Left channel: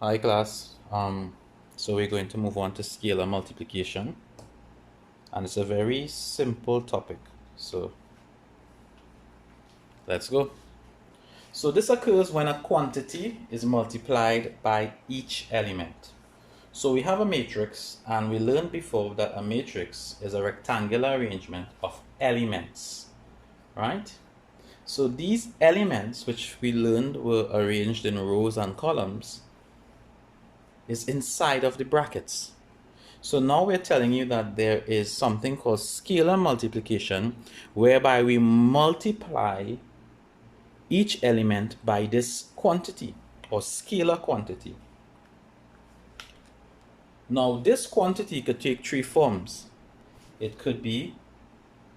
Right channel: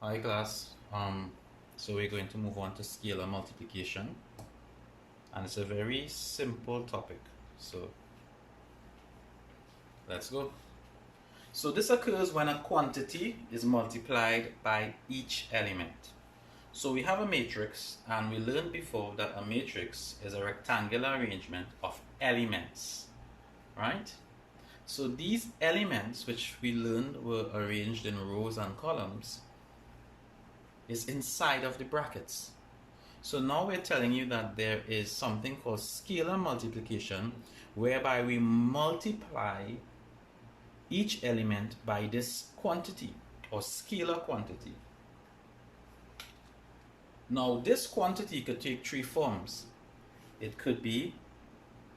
Hi class. So we're going to move on to scalar multiplication, and it's a very simple topic. So let's go. So this occurs when a quantity is multiplied by each element. So we have a matrix, and we learned before that a matrix is a rectangular arrangement of elements, right? So these elements, which we learned were arranged in rows and columns, is inside of the brackets. So now we're telling you that there is something called scalar multiplication, whereby we multiply each element by this quantity or scalar quantity. Now this quantity could take three forms. It could be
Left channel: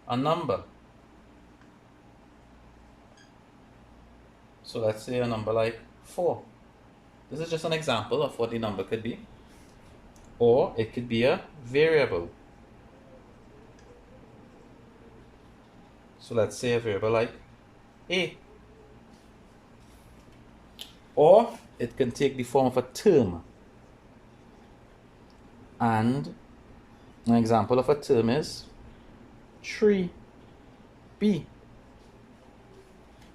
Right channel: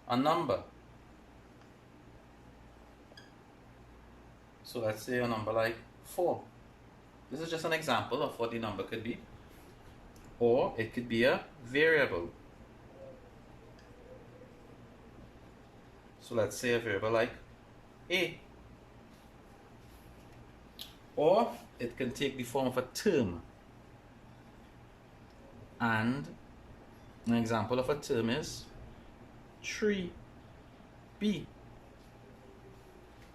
a number. So let's say a number like 4. This is just an example of what the number could be. Or it could be a variable. So let's say a variable like a. Or it can take the form of a term. And an example of a term is 3b.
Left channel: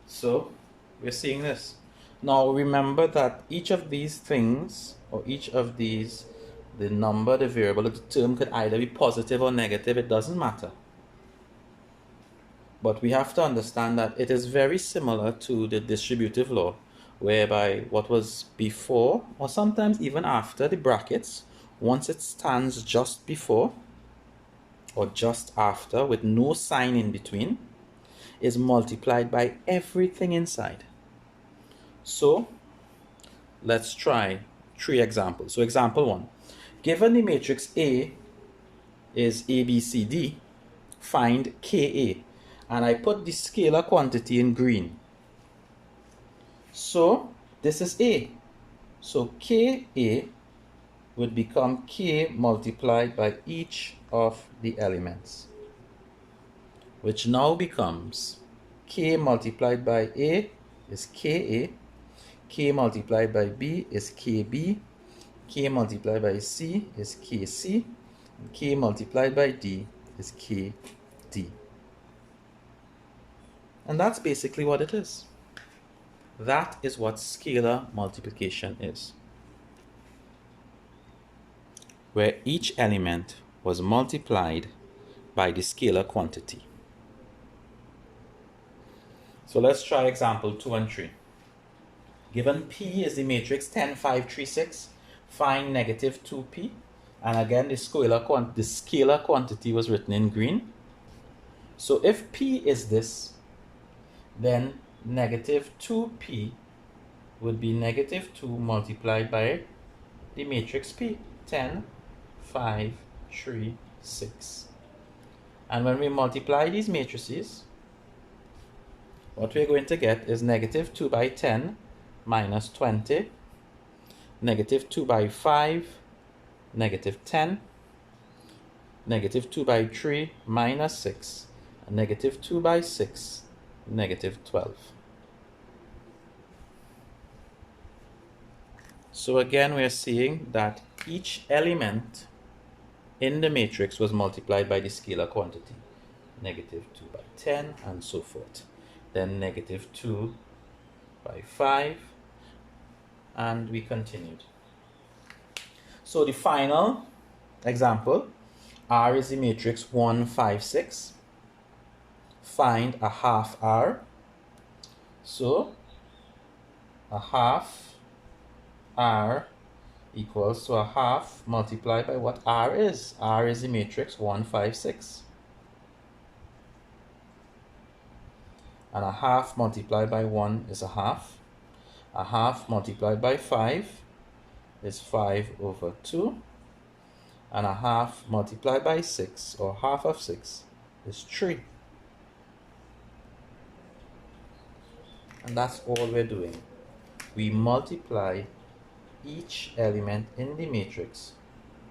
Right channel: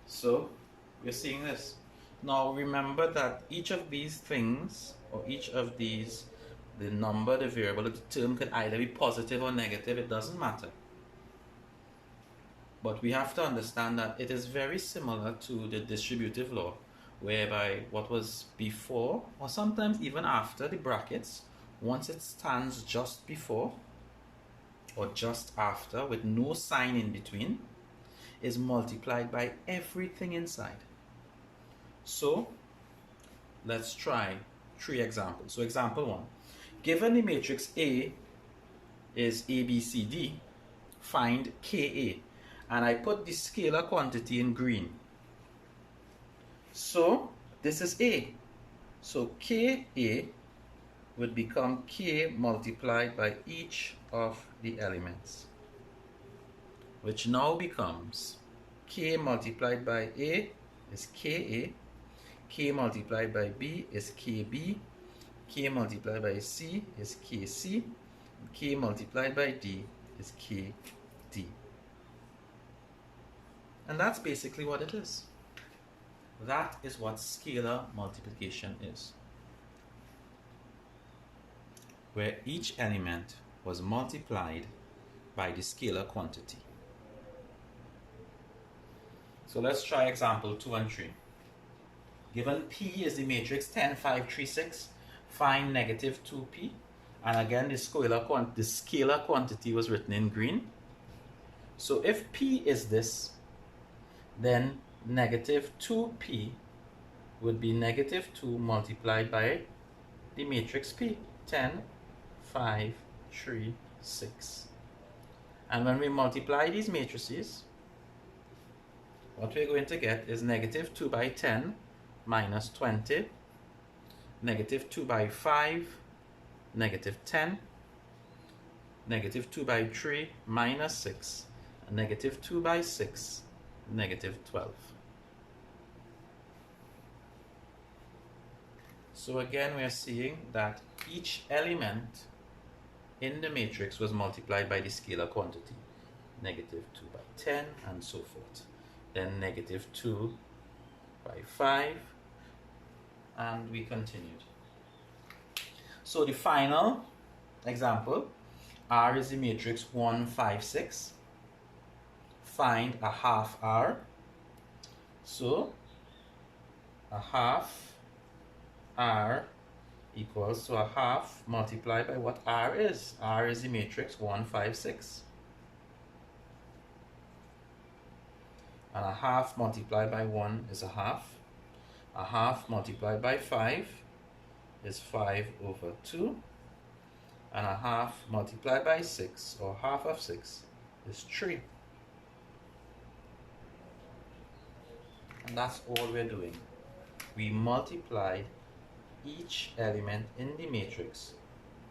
So we're seeing this. Now remember that each of these things, or each of these, the number, the variable, or the term could either be positive or negative, it doesn't matter. But we have to understand that it is very similar to the distributive law, whereby what was before, or sometimes even after the brackets, once it stands just before or just after with no sign in between, is multiplied by everything inside. So let's try 3 examples. So example 1, given the matrix A is ABCD, find KA, and I put the scalar quantity in green. So this is A. So KA would become K multiplied by each of the elements, which now becomes K multiplied by A is KA, K multiplied by B is KB, K multiplied by C is KC, and K multiplied by D is KD. And that's basically what it is. That is what scalar multiplication is, where each element was multiplied by the scalar quantity. So let's try example 2 and 3. Given P is the matrix 10, 5, 3, 6, find negative 2P. And again, the scalar quantity was written in green. So if P is this, then negative 2P would be negative 2 multiplied by the matrix P, 10, 5, 3, 6. And when we multiply these matrices, what we're going to get is negative 2 by 10 minus 20, negative 2 by 5, negative 10, negative 2 by 3, minus 6, and negative 2 by 6, negative 12. So again, we are seeing that each element in the matrix was multiplied by the scalar quantity, negative 2 by 10, and so forth. Then negative 2 by 5, and we continued. So the final example, R is the matrix 1, 5, 6. Find a half R. So a half R equals to a half multiplied by what R is. R is the matrix 1, 5, 6. And a half multiplied by 1 is a half. A half multiplied by 5 is 5 over 2. And a half multiplied by 6, or half of 6, is 3. And that's all we're doing. We multiply each element in the matrix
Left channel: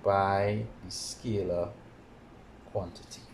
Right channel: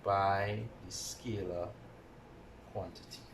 by the scalar quantity.